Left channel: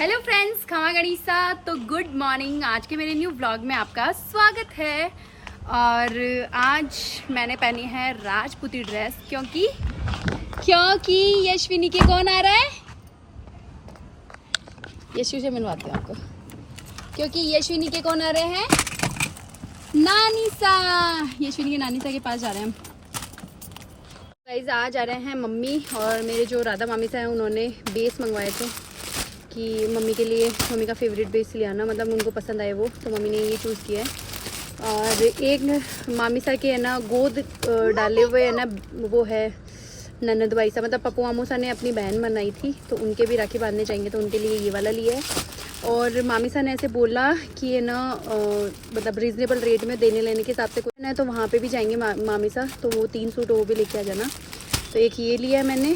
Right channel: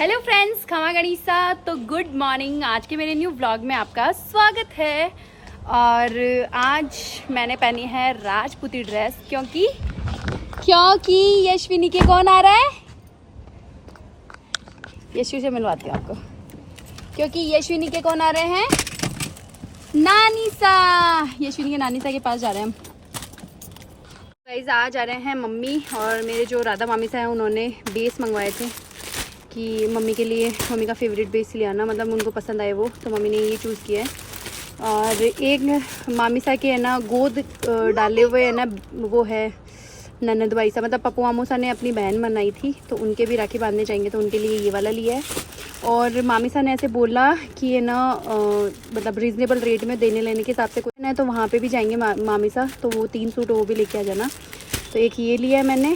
Hello friends, खमा गणिसा। तो good morning. आज के मेरे न्यू व्लॉग में आपका स्वागत है। और आज मैंने पहनी है राजपूती ड्रेस क्योंकि यशविनी के कौन आ रहा है। यशु से मिलवाती हूँ आपको। क्योंकि यशविनी के कौन आ रहे हैं, नानीसा। यशविनी के नानीसा के पास जा रहे हैं हम। गाइस आज आ रहे हैं मम्मी और मेरे जो राधा मामी सा है, उन्होंने बेस मंगवाए थे कि मम्मी के लिए, मम्मी का फेवरेट बेस ले आना, मतलब उनको पसंद आए वो, तो मम्मी ने ये चूज़ किया है। और एक मामी सा के है ना गोद डाले हुए है ना, वो है ननद भाई सा, मतलब पप्पू मामू सा ने अपनी बहन बनाई थी तो उनके भी राखी बांधने जाएंगे, तो उनके लिए ये वाला लिया है। और मामी सा ने ऐसे बोला कि ये ना मतलब रीज़नेबल रेट में देने लेने के हिसाब से कोई ना, तो वहाँ पे भी जाएंगे मामी सा, तो वो 3 सूट वो भी लेके आ जाना। तो एक ये लिया है मैंने,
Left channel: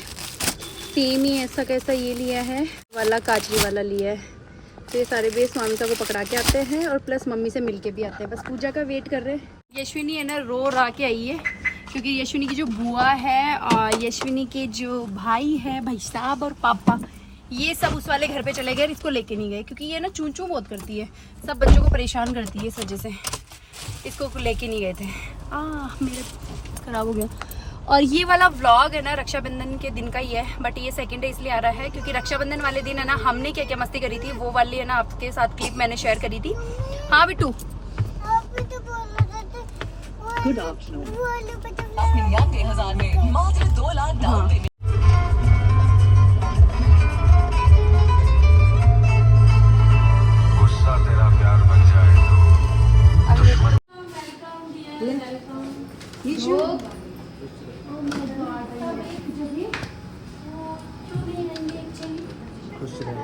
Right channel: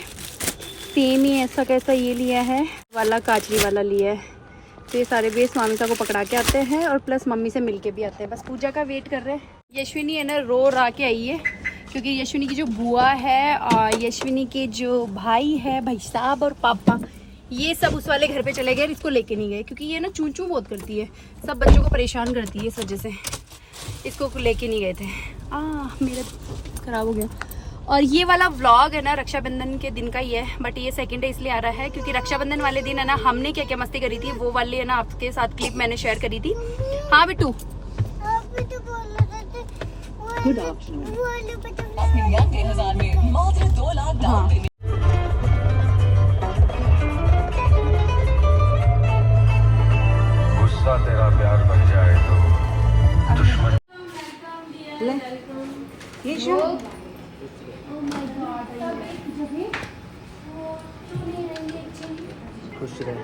सेम ही ऐसा कैसा ये लिया है वाला, काजरी वाला लिया है। तो ये सारे बेस मामी सा को पकड़ा के आते हैं और प्लस मम्मी से मिल के भी आते हैं। बस पूजा का वेट कर रहे हैं। यशविनी है ना रो रा के आई है क्योंकि यशविनी की जो बुआ है और यशविनी के जो भाई है, भाई साहब और पापा, ये सब उस वाले घर पे चले गए, इसको लेके नहीं गए क्योंकि ये ना चूं चूं बहुत करती है, सब बच्चों को परेशान करती है, इस वजह से इसको लेके नहीं गए थे। मेरा खराब हो गया। और ये वाला व्लॉग है ना रक्षाबंधन के दिन का ही है, बट ये सेकंड डे इसलिए आ रहा है क्योंकि रक्षाबंधन वाले दिन है ना हमने क्या क्या मस्ती करी थी, वो वाली है ना आपके साथ क्लिप मैंने शेयर करी थी। हाँ बिट्टू, गुड आफ्टरनून। अपने याद 2000 में मात्र 2 लाख डाउन पेमेंट। गुस्सा तेरा प्यार बन जाए तो दुश्मन। खुश रहे।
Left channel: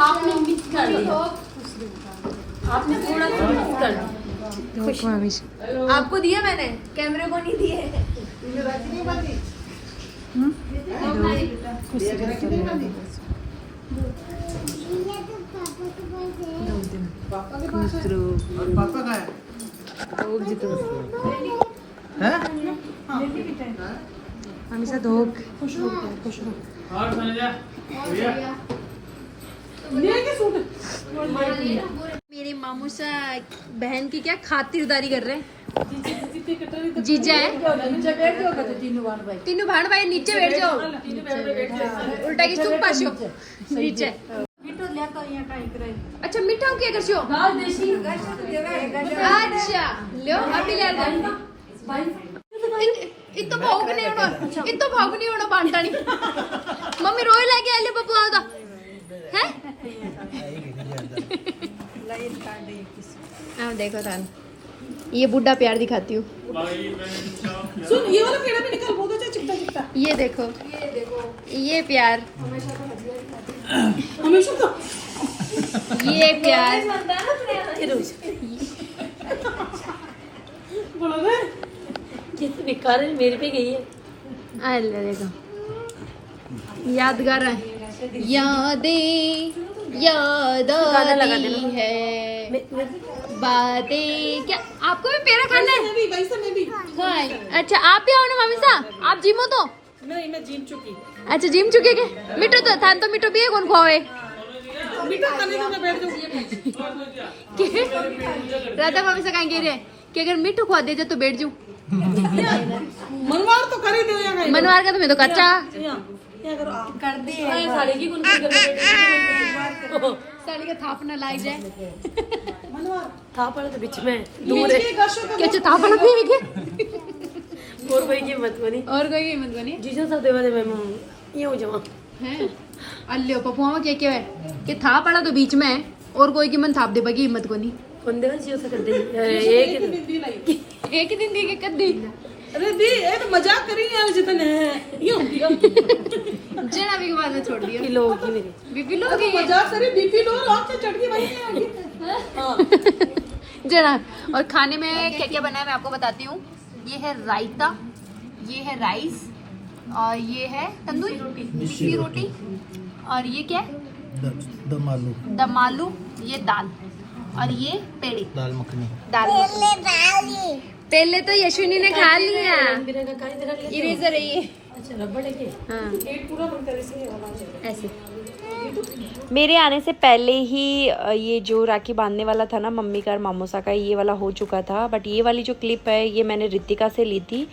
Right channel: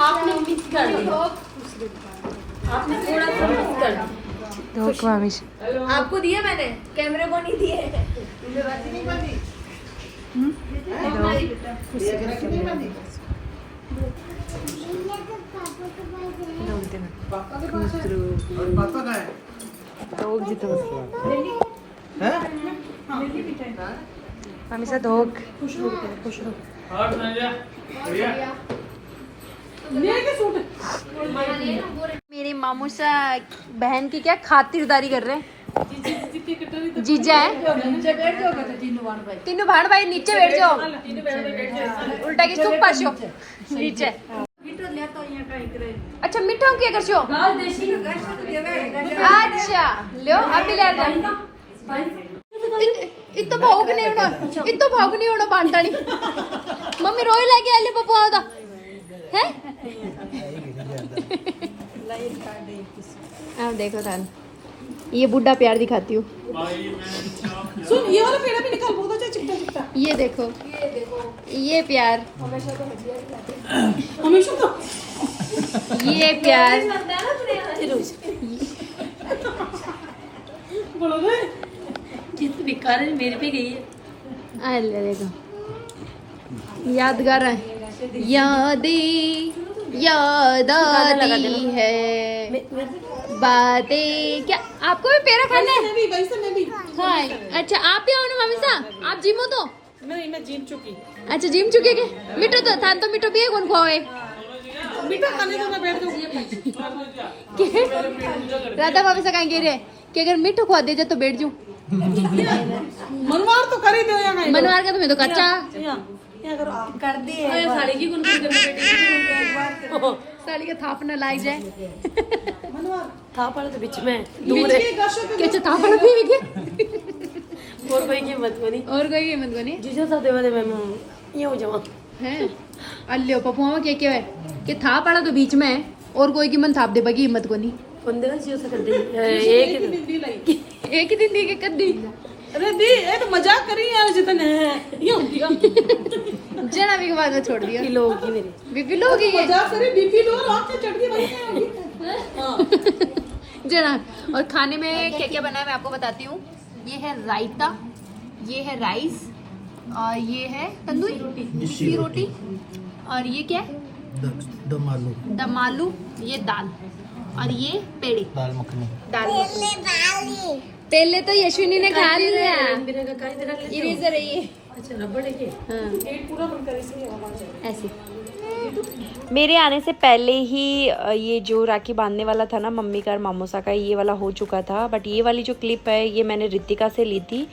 आपने मिस कर दिया, आपने थोड़ा सा मिस कर दिया। आपको दिया मैंने, कैमरे को नहीं दिए। हमेशा धोख खुश रहो। मेरे मामू सा बहन की क्या खातिरदारी कर रहे हैं। जीजा है, तीनों भाड़ भाई नीचे बैठ जाओ, उल्टा की चुप पाशो नीचे। अच्छा मीठा क्या कर छो? अच्छा लो अभी ले इतो भोग नहीं होना बांटा नहीं। मम्मी रोई लाके आले पप्पू आवदा है। अब देखो थान, ये बुढ़ा प्यार दिखाती हूँ। सुन, ये वाला पेड़ा भी निकाल, बहुत अच्छा चिपटा। ये देखो ये प्यार, हमेशा तो ये प्यार। बोलो ना, ये तो बेकार है, मेरे पे गई है। अरे देखो यादगार है, याद आती है बातें। क्या आपको भी पेड़ा खाना है? मैं भी हाँ अच्छा, आप भी आओ ना मम्मी सा, आप जिमो तो। मैं जीत चुकी। अच्छा जिम चुके के मिठो तो थान, तो मिठो भी कौन खोवे मीठा खाने तो मैं बैठ जाऊंगी। राधा मामी से कहेंगे रे कि अगर मिठो खवा दे जा तो बैठ जाऊं। मनवार तो कर ही दो या नहीं? मनवार का तो मैं तो कच्चा क्या करो, कर दिए साड़ी की गुनगुन करना, साड़ी का थाप न लाई जाए। थाप वाला तो बीच में दूर है। क्या थाप वाला भी है? और कोई कीमत बनी, और कोई कीमत बनी जीजो सा देवा दे, मैं ये हो जावा है। अल्ले पप्पू मामा क्या है कि थाप वाला तो बीच में है और कोई कीमत थाप दे बगी हिम्मत को नहीं। बंदे का जीजो सा कर दे एक दिन दी के कद्दी। अरे दी, ये तो मजाक करी यार, जितने ये हो गया जना भी के बाद में छोड़ दिया। किलो होगी मेरी बीपी लो की मजाक करे, बीपी लो, आँख से चढ़ गई भाई। जना। और खाने में क्या क्या बना है मैं आपको बताती हूँ। ये है रायता, ये है राइस, और ये है तंदूरी रोटी, मिस्सी रोटी, और ये क्या है दम आलू, दम आलू, ये दाल, और ये पेड़ी, दाल मखनी। पहले तो यशविनी ने खा लिया। इरेजर है ये, अच्छा रबड़ है ये। हाँ पेट पूरा बंद कर इसलिए आवाज आ रही है। ऐसे। मेरे आने से पहले ही ये जो राखी बांधने वाला था ना मम्मी का और मामूसा का, ये वाला हो चुका था। बट ये वाली जो क्लिप है ये मैंने रितिका से ली थी।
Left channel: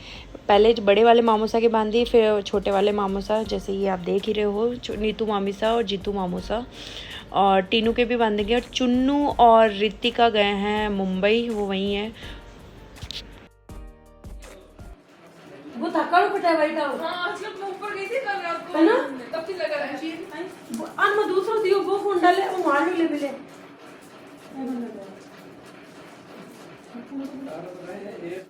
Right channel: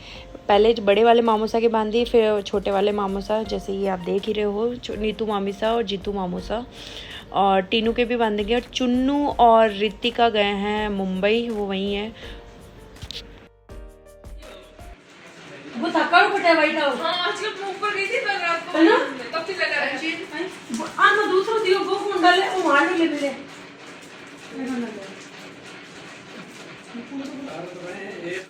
पहले बड़े वाले मामूसा की बांधी, फिर छोटे वाले मामूसा, जैसे ये आप देख ही रहे हो, नीतू मामीसा और जीतू मामूसा। और टीनू के भी बांधेंगे। और चुन्नू और रितिका गए हैं मुंबई, वो वहीं है। वो थक्का पटा है वाइट हाउस। हाँ आजकल मैं ऊपर गई थी मैं आपको है ना? तब से लगा रहा है। आ मैं दूसरा दियो वो फोन डाले वो मार ले ले।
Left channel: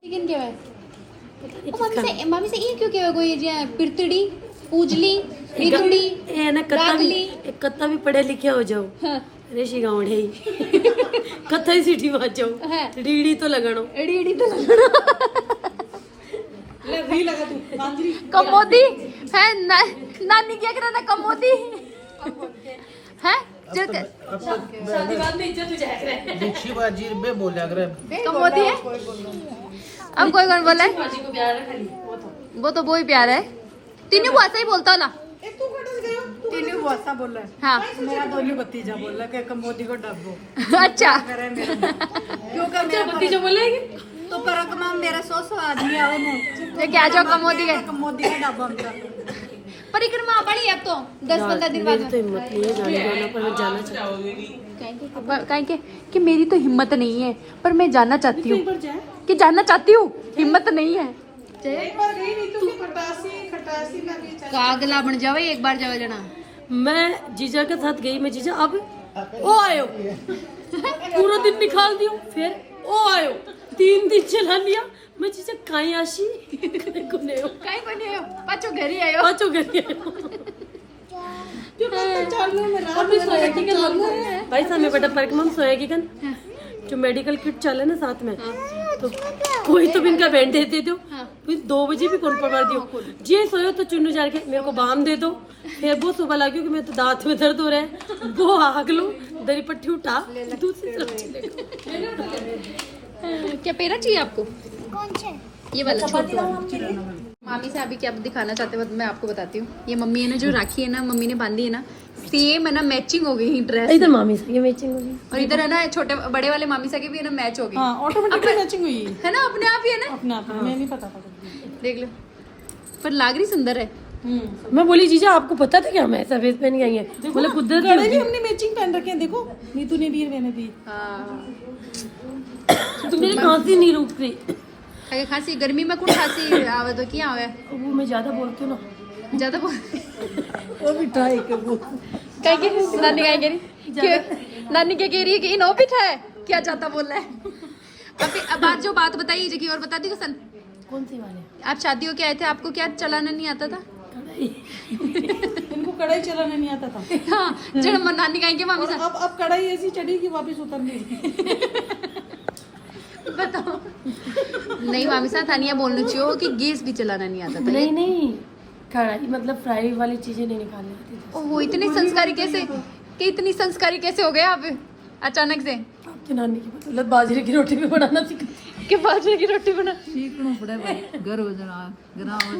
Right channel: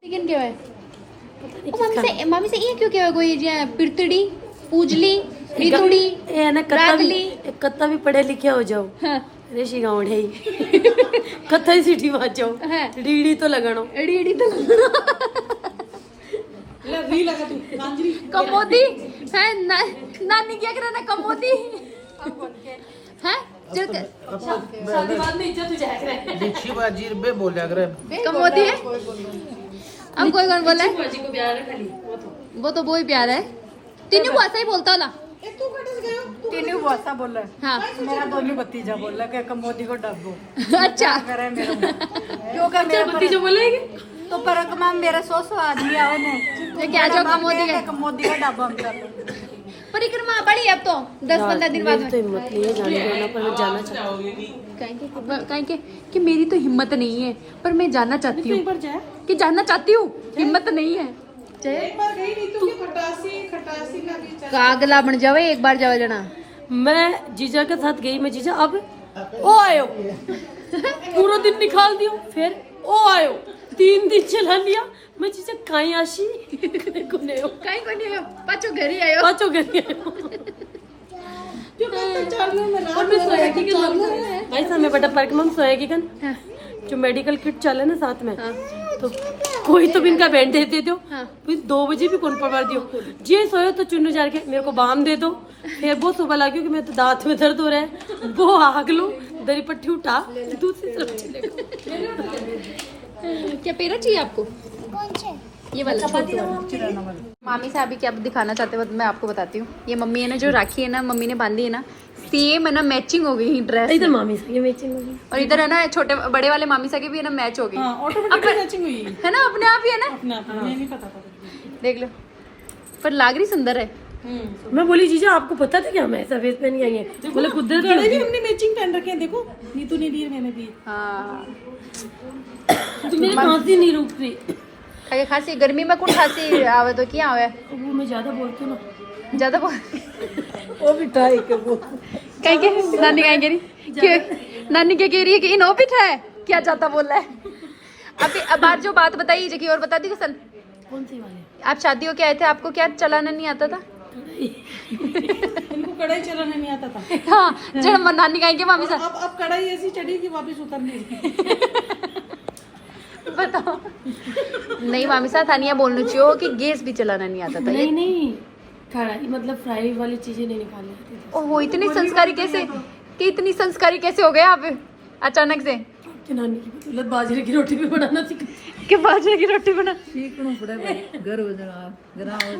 लेकिन क्या है मामी से ये क्यों क्या कोई पिरतड़ी पूजली रितुड़ी ए ना कत्ता भी रागली। कत्ता भी पढ़े लिखे हो जाओ। हाँ रेशी गाँव है कत्ता ही सीटी मार जाओ। हाँ। रीड़ी तो लगानो। एड़ी तो कमोदी है नानी क्या कर रहा था कमोदी है शादी बाद में इज्जत हो जाएगा। दीक्षी बाजी बे बोले अगर कमोदी है। अब कोई कौन बोला है? बाजी को प्यार है खाली वो तो ही प्यार है। तीनों को ऐसा ही बोलता ना। तीनों वासा बोला है। हाँ मेरा दोनों भतीजा बोला कि कमोदी को डब्बो अच्छा करे मेरा क्योंकि मेरा भतीजा बोलेगी तो परकमा मेरे 100 आदमी आवे ने ये क्या जो कमोदी का कमोदी का डब्बा हम चल परिक्रमा बड़ी अब तो 10-15 दिन बाद मेरी तो हिम्मत नहीं है जाने जाना पर मैं जाना चाहती हूँ। कहेंगे कि मेरी तो हिम्मत नहीं है पर मैं जाना चाहती हूँ कि जानना चाहती हूँ हिम्मत नहीं है। कागला बन जावे एक बार जावे जना। मैं जीजा के साथ गई। मैं जीजा अब ओ आयो पूरा दिन निकाल दियो फिर ओ आयो 3 दिन चला लिया। मैं जीजा काई आशी कोने हो काई को नहीं आयो पाछो घर ही आयो पाचो गई भाई साहब मैं बेटा पार्क में सोया की कन जो मेडिकल किट चले ना साथ में तो कोई तो इनका बैंड देते दो फिर 2 बजे भी कौन पकड़ दियो जे सोयो तो चुन्नू जार के मेरे को बाम दे दो। फिर वो सुबह लगी कि मैं तो दांत में दर्द हो रहा है वो आग लो दरी पट्टी उठा दूसरी तरफ चले। क्या पेरा चाहिए आपको? कौन से? ये वाला मामी से अभी क्या दिखाना चाहते हो मैं आपको बताती हूँ। ये मम्मी है ना जो राखी है ना मम्मी ने बांधी है ना सेम है ना मैचिंग हो गई ड्रेस। इधर मामी से ये मैचिंग होगी और इधर है ना छोटे बड़े वाले मामी सा के भी है ना मैच हो गई ऑटोमेटिकली मैचिंग हुई है ना अपने आप ही है ना। अपने आप में नहीं पता था देख लो पर लाग रही सुंदर है। मैं बोली जीजा आपको पता था क्या हम ऐसा वेस्ट पहन के आई है बोले कुदरत भी हमने मैचिंग पहन रखे हैं देखो नीतू ने दी मैंने दी। हाँ तो मेरी खांसी नहीं रुक रही। खाके खांसी गर्मी में कौन खांसी आवे तो क्या आवे वो मैं ज्यादा बोलती हूँ ना ज्यादा वो भी ट्राई कर वो कहीं के नानी कहीं कह रही नानी क्या कह रही है कि इन ऑफिस है क्या चाहता बोल रहा है। अभी अब जो बात बताई जगह और बता दी सन कौन से वाले आप शादी हो के आए थे आपको क्या चलाना नहीं आता था? इनको कढ़ाई चलाना नहीं आता था। हाँ जब नानी कहेंगे मामी सा अब कढ़ाई ऐसी चढ़ी कि वापस उतर नहीं बताओ नहीं मामी सा थानिया बोलना चाहिए कि गैस भी चलाना नहीं आता था। नहीं नहीं कढ़ाई मतलब फ्राई वाली चीजें नहीं निकालनी आती थी। वो इतनी संस्कारी कैसे कि इतनी संस्कारी कैसे हो गए आप अचानक से? आपकी नानी की बदौलत बाजरे की रोटी भी बनाना सीखा कि बाजरे की रोटी बना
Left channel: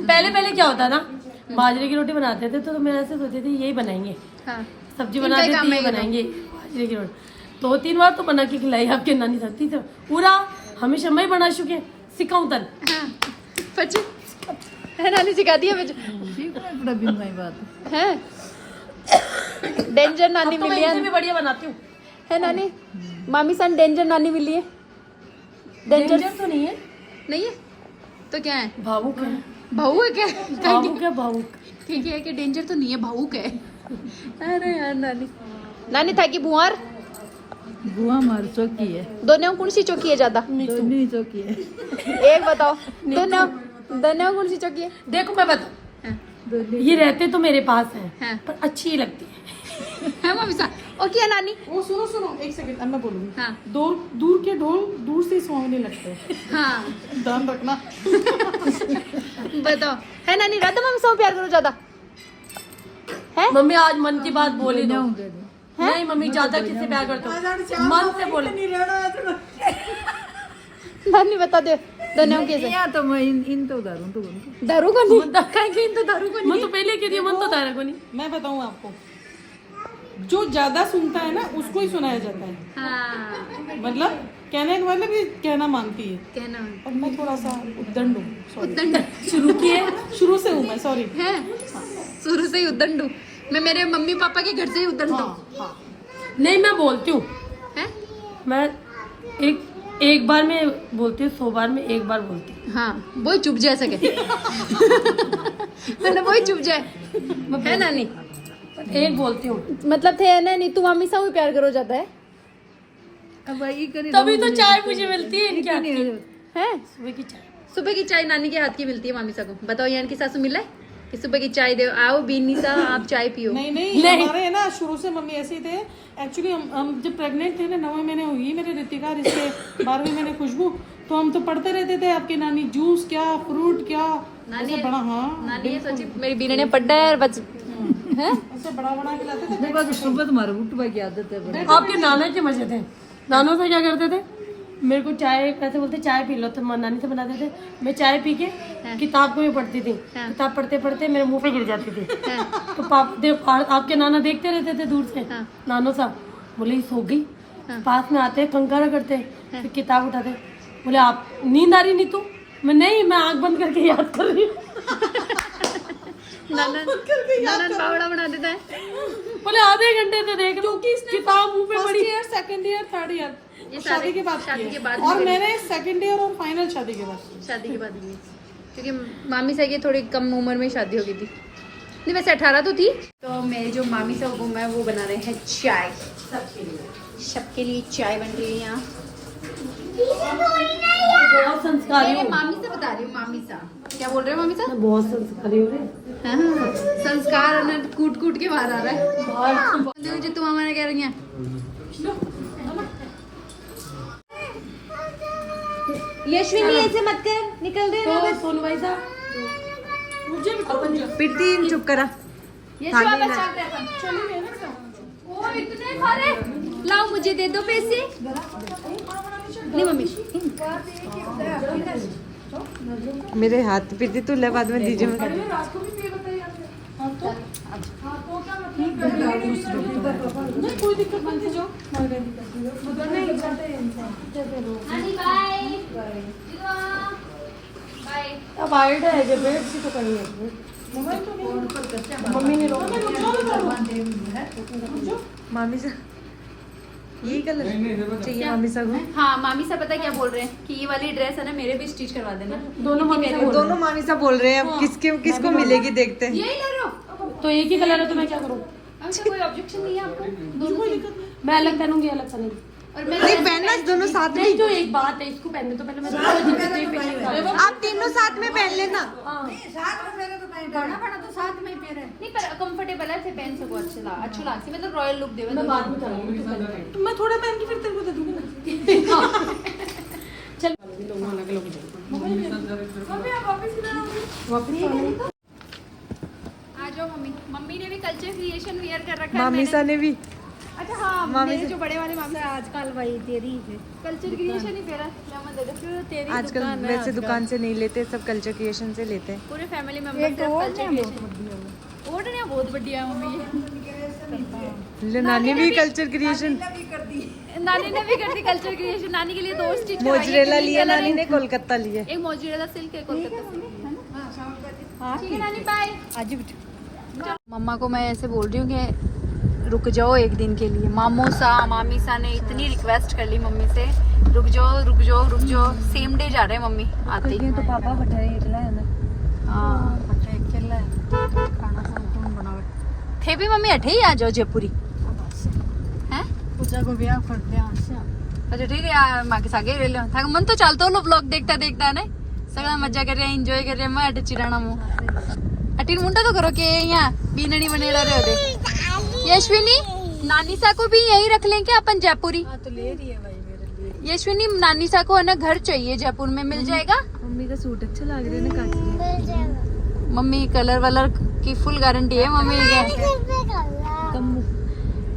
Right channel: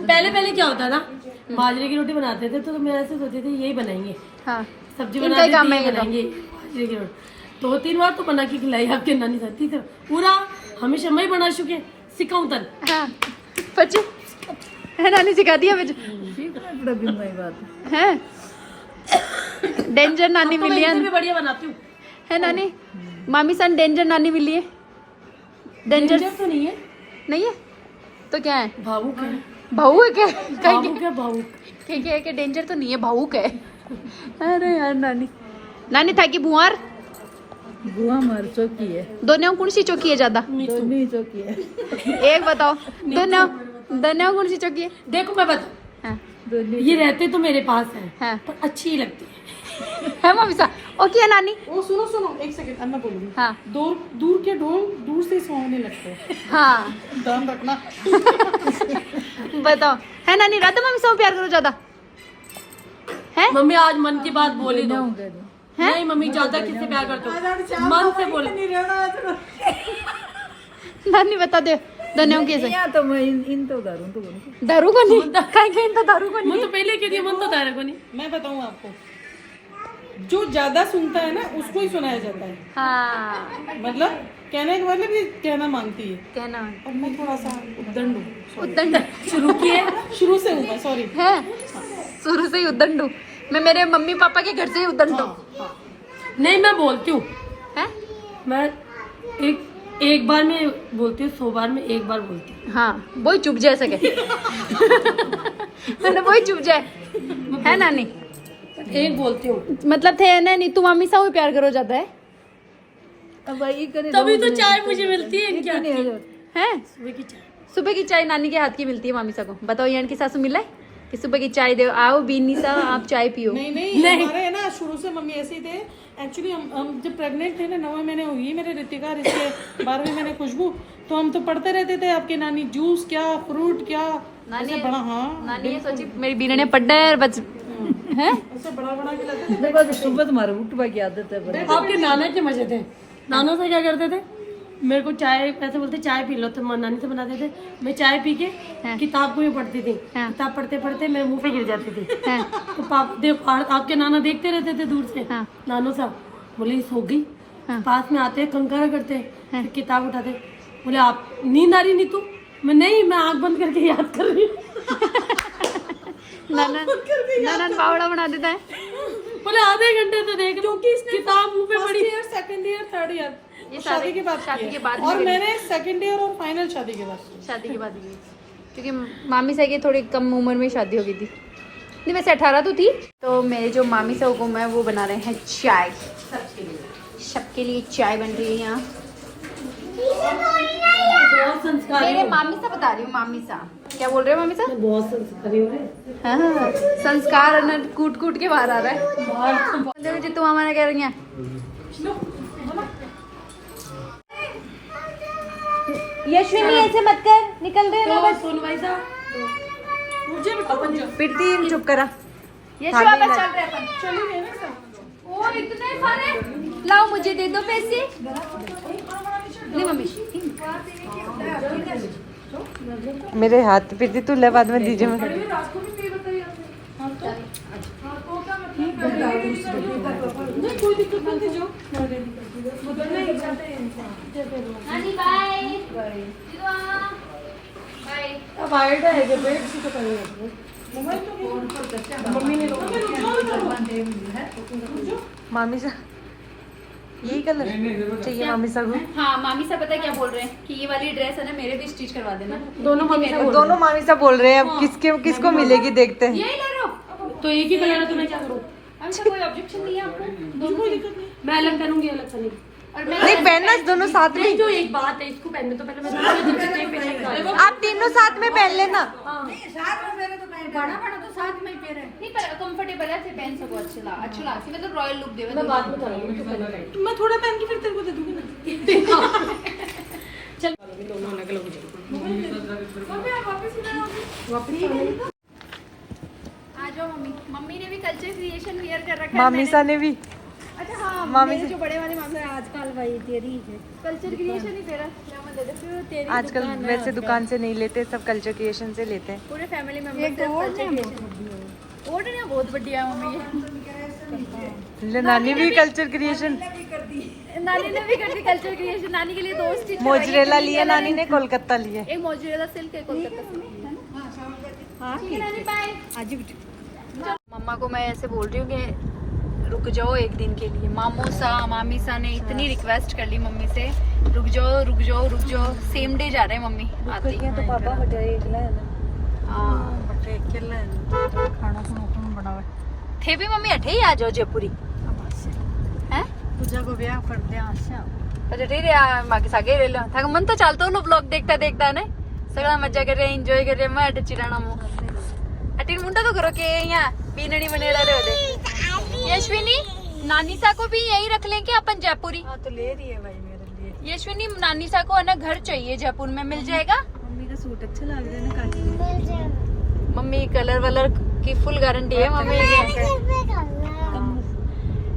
पहले पहले क्या होता ना बाजरे की रोटी बनाते थे तो मैं ऐसे सोचती थी यही बनाएंगे हाँ सब्जी इनका बनाते ही काम थे है ये तो। बनाएंगे बाजरे की रोटी 2-3 बार तो बना के खिलाई आपके नानी साथी तो पूरा हमेशा मैं बना चुके सिखाऊं तन हाँ बच्चे नानी सिखा दिया है डेंजर नानी मिली है भी बढ़िया बनाती हूँ है नानी मामी सन डेंजर नानी मिली है। डेंजर तो नहीं है नहीं है तो क्या है? भावुक है भावुक है क्या? भावुक है भावुक ठीक है कि डेंजर तो नहीं है भावुक है। अरे यार नानी नानी था कि बुआर बुआ मार चौकी है दोनों कौन सी चौकी है ज्यादा? दोनों ही चौकी है एक बताओ दोनों कौन सी चौकी है? देखो मैं बता हाँ ये रहते तो मेरे पास है हाँ पर अच्छी ही लगती है मामी सा और क्या नानी? वो सुनो एक सेकंड अन्ना बोलूंगी। हाँ दूर के ढोल दूर से सुहावने लगते हैं। हाँ ध्यान रखना। बताओ है नानी राधा मामी से प्यार करो ज्यादा है? मम्मी आज मन की बात बोली दो नहीं मम्मी ज्यादा किससे प्यार करते हो मन से बोले नानी बता दे धन्यों के से तो मैं इन तो दारू तो दारू को नहीं कहीं पे तो दारू को मैं तो पहले कह रही हूँ, मन तो तारा को नहीं। मैं बताऊँ आपको, जो ज्यादा सुनता है ना उसको ही सुनाया जाता है। हाँ मतलब कहने का मतलब ये कहना मांगती है। कहना अब मैं थोड़ा सा उद्दंड हूँ, उद्दंड शुरू किए शुरू से हूँ मैं, सॉरी। है शुरू से ही उद्दंड हूँ मैं, मेरे मम्मी पापा के घर से ही उद्दंड हूँ। नहीं मैं बोलती हूँ, हैं? मैं एक बार में बोलती हूँ, 100 बार में एक बार बोलती हूँ। हाँ वही चुप जाए सके मतलब वही चुप जाए है नानी। एक बोलती हूँ, मतलब थे ना नहीं, तू मम्मी से भी प्यार करो जाता है। अब वही करे तभी तो चाय मुझे मिलती है इनके हाथ की। हैं? सुबह की चाय। सुबह की चाय नानी के हाथ की मिलती है मामी सा को। बताओ यहाँ की सासू मिला है कि सुबह की चाय दो, आओ बीनी सा आप चाय पियो। नहीं हमारे है ना शुरू से मम्मी ऐसे ही थे। एक्चुअली हम जब प्रेग्नेंट थे ना, 9वें महीने हुई मेरे ऋतिका, इसके 12वें महीने खुशबू, तो हम तो पढ़ते रहते थे आपके नानी जूस क्या फ्रूट क्या ऐसे बड़ा। हाँ मेरी बीना ने पढ़ना है बस ऐसे बड़ा बड़ा खिलाते थे। सुबह तुम्हारे उठवा की आदत है बड़ी। आपके नाना के मजे थे। नाना से क्या करते थे, मेरे को चाय ऐसे बोलते चाय पी लो, तो नानी से बनाते थे। मैं चाय पी के किताब को ही पढ़ती थी। किताब पढ़ते पढ़ते मेरे मुंह पे गिर जाती थी। तो आपके नाना देखते रहते थे दूर से। नानो साहब बोले सो गई, पास में आते कंकारा करते, फिर किताब उठाते, बोले आप नींद आ रही नहीं तू? मैं नहीं, मैं आंख बंद करके याद कर रही हूँ। नाना पावड़ा बना देता है। बोले आधे घंटे से देख क्योंकि इसने किताब मुंह पे फर्स्ट पड़ी। Year, second year, third year शादी के बाद शादी के किया। बाद और मैंने सेकंड ईयर और फाइनल शादी के बाद किया। शादी के बाद भी, क्योंकि मामी सा की थोड़ी कम उम्र में शादी हो गई थी। नहीं वैसे 18 तो थी। तो मेरे जो मामी सा हुकुम है वो बना रहे हैं चाय, सबके लिए चाय बन रही है यहाँ। बहुत संस्कारी मेरे हूँ। मामी सा बता रही हूँ, मामी सा क्या बोल रहे हो मामी सा? मैं बहुत संस्कारी हूँ। हाँ, संस्कार ना कूट कूट के बाहर आ रहा है। देखो जी तुम हमारा कह रही हैं। यशविनी ऐसे मत कर, निकल रहे हैं बस। सोनू भाई साहब प्रीति चुप करा। यश वापस चल रहे अपन। चलिए ना। ओ इतने सारे, लाओ मुझे दे दो पैसे। नहीं मम्मी मेरे हाथ प्रीति तू ले बाद में दीजिए। मैं नहीं कोई दिक्कत नहीं थी। जो नानी बाय बाय। अब आइडिया है जब बेड से तो कहीं मम्मी ने मामी सा यही कलर चाहिए मामी सा को। हाँ मामी सा पता क्या बोल रहे हैं कि ये वाली ड्रेस है ना मेरे भी स्टिच करवा देना। दोनों मम्मी से दोनों मामी सा बोल रहे हैं। अब किसको मिलेगी देखते हैं। यही ले रहे तो एक ही कलर है तो मैं क्या करूँ? हो? कोई ऑब्जेक्शन नहीं है आपको? कोई दिक्कत नहीं। मैं अलग पहनूंगी, अलग पहनूंगी। और मैं नहीं पहनना दोनों साथ में। नहीं जो एक बात है, इसको पहनने तो पहले मैं आप तीनों साथ में पहन लेना। बड़ा बड़ा तो साथ में ही पहन नहीं, पर कंफर्टेबल है, फिर पहन सको। अच्छा लगती मतलब रॉयल लुक देवे। मैं बाद में करूंगी, तो पहले पहन। मैं थोड़ा पहन के फिर तेरे को दे दूंगी ना। चल आ जाओ मम्मी। मम्मी ने भी कल्चर क्रिएशन वियर कर रखा है। मामी सा ने भी। अच्छा हाँ मामी मेरे से- जो बड़े वाले मामले आजकल वही तेरी कल्चर क्रिएशन ही फेरा लेमन दे दे तेरी आजकल दुकान है वैसे आजकल। दुकान से नहीं लेते, सब कल्चर क्रिएशन से लेते हैं। पूरे फैमिली मेंबर से कल्चर क्रिएशन। ओड ने बहुत बढ़िया है मम्मी ये। नानी भी कल्चर क्रिएशन। नानी ने भी कर दी कल्चर क्रिएशन। नानी के लिए 2 स्टिच मोजरेला लिया नानी ने, कोलकाता लिए। एक मोजरेला सिल्क है कोलकाता सिल्क। ठीक है नानी बाय। मम्मा को मैं ऐसे बोल रही हूँ कि रुक जाओ एक दिन के लिए। मामू सा मामी सा ने इतनी रिक्वेस्ट कर ली मम्मी से, रुक जाओ रुक जाओ रुक जाओ। सेम डे जा रहे हैं मम्मी आते ही। हाँ थे भी मम्मी अठे ही आ जाओ जयपुरी हैं पूजा को ब्याह करते हैं आशा। पर अठे रे माँ के सागे रे लो था मन तो चलता लो ब्लॉग देखता देखता ने सगळा मजा कर रहे एंजॉय कर रहे। मैं अटे चिराना मु अटी मुंडा तो करो के यहाँ बीननी बनेड़ा रहे होते। यशविनी नानी सा को भी यही रख लें क्या अपन जयपुरी? तो ले रही है भाई मेरे लिए। यशविनी नानी सा को है ना घर चाहिए जयपुर में, मिल जाएगा? मम्मी का सूट अच्छा लग रहा है ना काफी। मम्मी कलर वलर की फुल गारंटी है मम्मी के।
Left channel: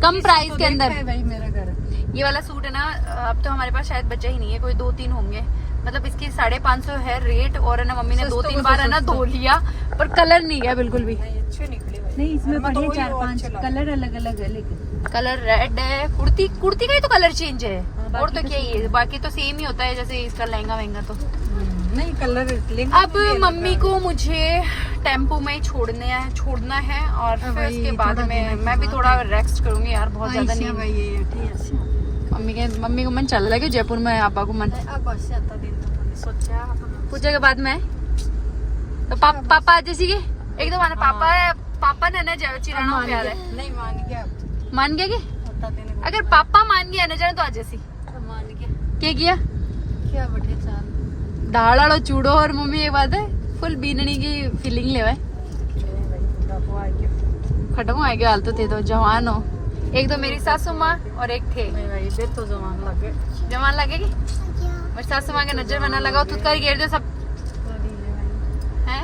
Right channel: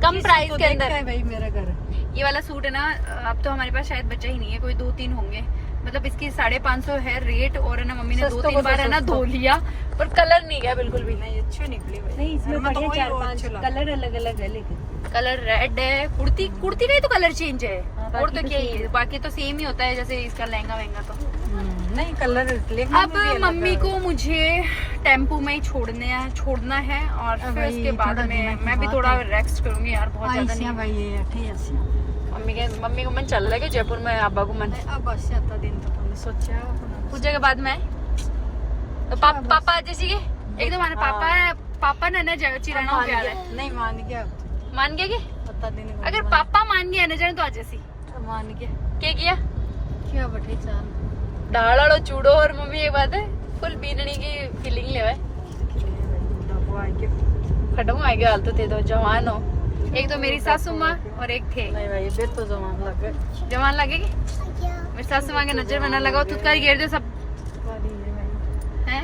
कम प्राइस के अंदर भाई मेरा घर। ये वाला सूट है ना, अब तो हमारे पास शायद बचा ही नहीं है, कोई 2-3 होंगे। मतलब इसकी 550 है रेट, और है ना मम्मी ने 2-3 बार है ना धो लिया, पर कलर नहीं गया बिल्कुल भी। अच्छे निकले भाई। नहीं इसमें तो बढ़िया 4-5 कलर अलग अलग है, लेकिन कलर रेड है, कुर्ती का ही तो कलर चेंज है, और तो क्या ही है, बाकी तो सेम ही होता है जैसे इसका लहंगा वहंगा। तो नहीं कलर अब मम्मी को मुझे टेम्पो में ही छोड़ना है, और फिर उसके बाद में मैं भी थोड़ा रेस्ट करूंगी यार, बहुत ज्यादा नहीं। मम्मी को मन चल रहा है कि जयपुर में आबा को मन सोचा पूजा के बाद में तो पापा आज जैसी एकदम आने पापा ने ना चिराना हो प्यार है। नहीं मान गया, मान गया कि बता देने को अगर पापा मान गया ना जाने तो आज जैसी मान गया। क्या किया क्या बटे चाल दाल वाला चूड़ो, और मम्मी ये बात है फुल बीननी की फीलिंग ले खत्म आएगा हाल तो थे तो जवान हो। एक तो मेरी सासू माँ और एक थे फिर तो जवान लगेगी। मेरी सासू माँ की नजर में न लगा, थुतकारी घेर दे सब है।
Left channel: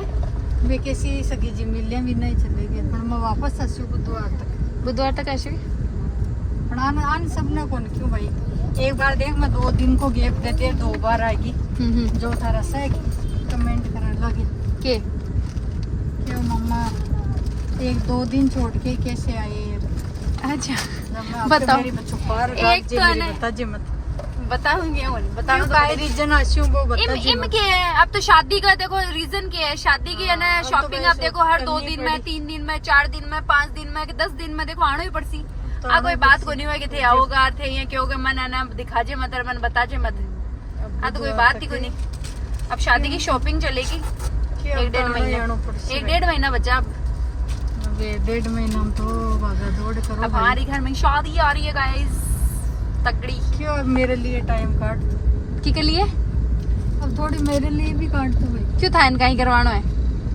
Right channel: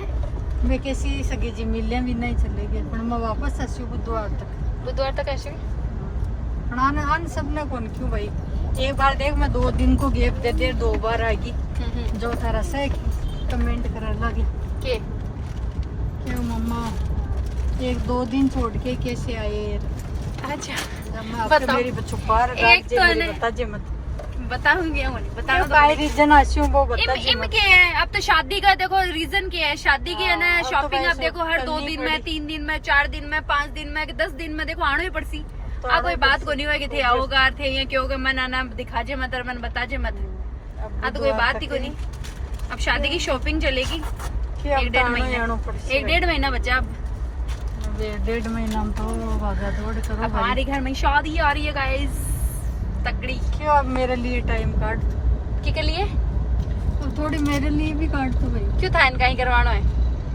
मैं कैसी सगी जी मिलने भी नहीं चले गए, पर मैं वापस आसी बुधवार तक ऐसे पण आन सबने कौन क्यों भाई, एक बार देख मैं 2 दिन को गैप दे दे 2 बार आएगी। जो थारा से कमेंट करे लगे के क्या मम्मा 1-2 दिन छोड़ के कैसे आए। अच्छा बताओ मेरी बच्चों पर एक तो है ना बताऊंगी रीजन आशियों को इम के है। अब तो शादी का देखो रीजन क्या है, शादी की है ना शॉपिंग आप देखो हर 2 दिन में, 3 दिन में, 4 दिन में, 5 दिन में, 10 दिन में देखो आना ही पड़सी। आ कोई बात को नहीं हुआ कि थे आओगा थे ये क्यों के मन आना दिखा जे मत मन बता जे मत, हाँ तो कोई बात ही को नहीं। अब शादी की शॉपिंग चलेगी 1-1.5 महीना बचा। अब 1.5 महीना तो दौड़ करो। अब हमारे घर में शादी आ रही है गाइस तगड़ी। क्यों अब मेरे लिए टाइम काट के लिए अब थोड़ी मेरे लिए भी काट तू भाई। क्यों था इनका ही करवाना है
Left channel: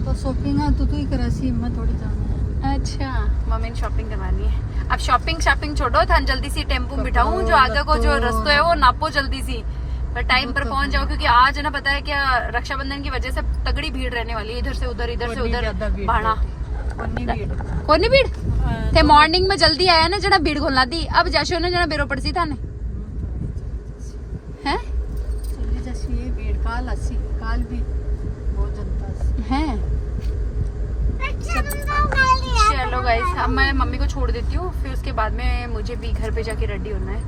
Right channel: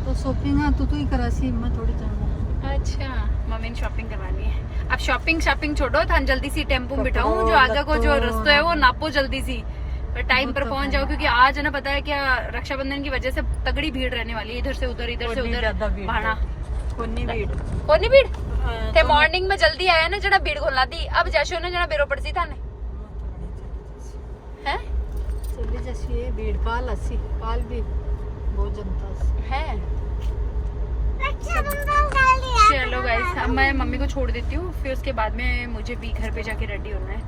तो शॉपिंग है तू ही करासी, मैं थोड़ी जाऊंगा। अच्छा मम्मी ने शॉपिंग करवानी है। अब शॉपिंग छोड़ो था जल्दी सी टेम्पो में बिठाऊं, जो आगे को जो रास्ता है वो नापो जल्दी सी, टाइम पर पहुंच जाओ, क्योंकि आज है ना पता है क्या रक्षाबंधन की वजह से तगड़ी भीड़ रहने वाली है, इधर से उधर भाना कोनी भीड़ थे। मॉर्निंग में जल्दी आया ना जना भीड़ खोलना दी, अब जैसे ना जना बेरो पड़सी था है चली जैसी भीड़ काल भी बहुत जनता है। चलो गाइस अब मैं मम्मी को छोड़ देती हूँ, फिर उसके बाद में मुझे भी घर पे जाके रेडी होना है,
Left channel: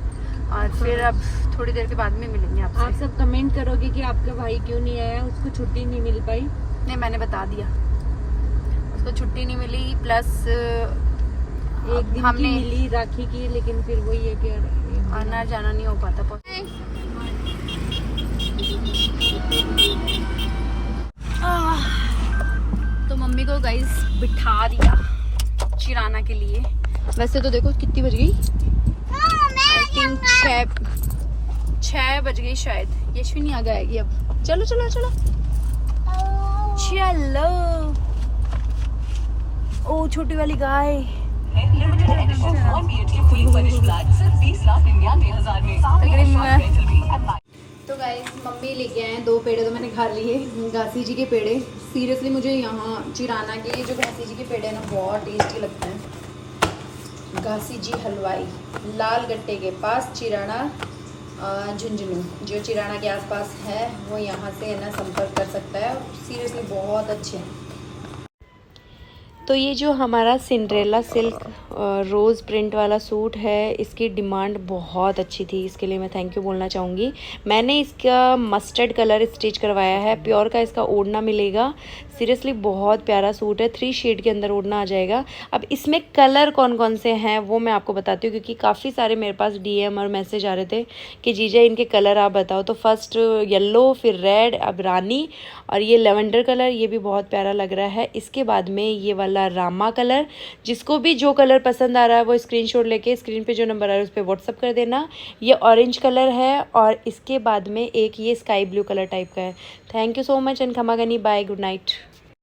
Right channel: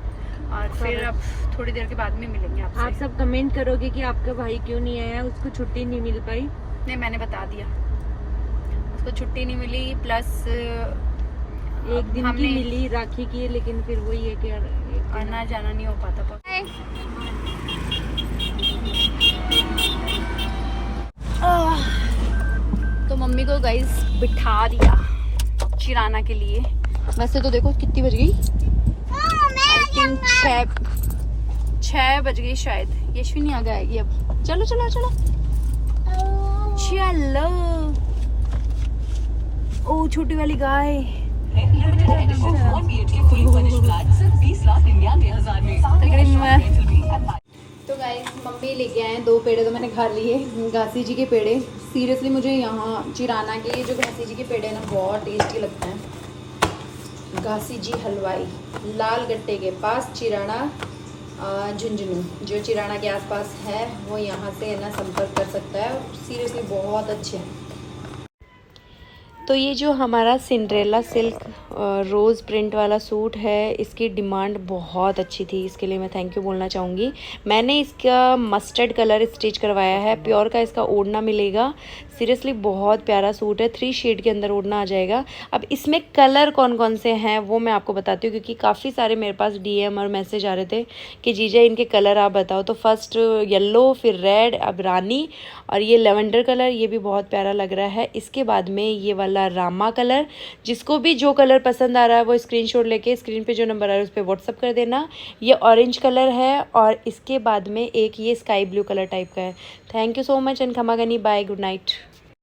और फिर अब थोड़ी देर के बाद में मिलेंगे आपसे। आप सब कमेंट करोगे कि आपका भाई क्यों नहीं आया, उसको छुट्टी नहीं मिल पाई। नहीं मैंने बता दिया उसको छुट्टी नहीं मिली, प्लस 1 दिन की मिली राखी की, लेकिन फिर वही है कि आना जाना नहीं हो पाता। तो मम्मी को गाइस बिठा दिया चिराना के लिए। वैसे तो देखो कितनी बज गई, आई थिंक 6 बज गई शायद। यशविनी आ जाएगी अब। चलो चलो चलो चलो। ओ छोटी वाली गाय। तो गाइस मम्मी लेके आए 2 पेड़े, तो मैंने खा लिए घासी जी के पेड़े। सीरियसली मुझे यहाँ चिराना के जो घासी जी के पेड़े हैं ना बहुत टेस्टी लगते हैं। घासी जी हलवाई लाल गट्टे के पास चिराना झुंझुनू, जो चिराना के आसपास है वो यहाँ से ना संपर्क कर सकता है। सीरियसली बहुत अच्छे हैं। तो ये जो हमारा सिंड्रेला सिल्क रोज़ प्रिंट वाला सूट है, इसकी डिमांड बहुत अच्छी थी, इसके लिए मैं थैंक यू बोलना चाहूँगी। मैंने इसका मस्टर्ड कलर स्टिच करवाया है, प्योर का इसका ओढ़ना मिलेगा। सीरियसली बहुत प्यारा सूट है, 3 शेड के अंदर ओढ़ना आ जाएगा। अब इसमें कलर कौन कौन से हैं वो मैं आपको बताती हूँ, क्योंकि काफ़ी सारे मेरे पास DM और मैसेज आ रहे थे कि जीजा इनके कलर आप बताओ। तो फर्स्ट येलो, फिर रेड, अब रानी, और ये लेवेंडर कलर, ये भी बहुत प्यारा लग रहा है। इसके बाद में ये वाला रामा कलर, जिसको भी जो कलर पसंद आ रहा है वो स्क्रीनशॉट लेके स्क्रीन पे जो नंबर आ रहा है उस पर व्हाट्सअप कर देना। ये ऑरेंज कलर है, और इसके बाद में एक ये स्काई ब्लू कलर टाइप का है। Thank you so much and खमा गनी, बाय, गुड नाइट।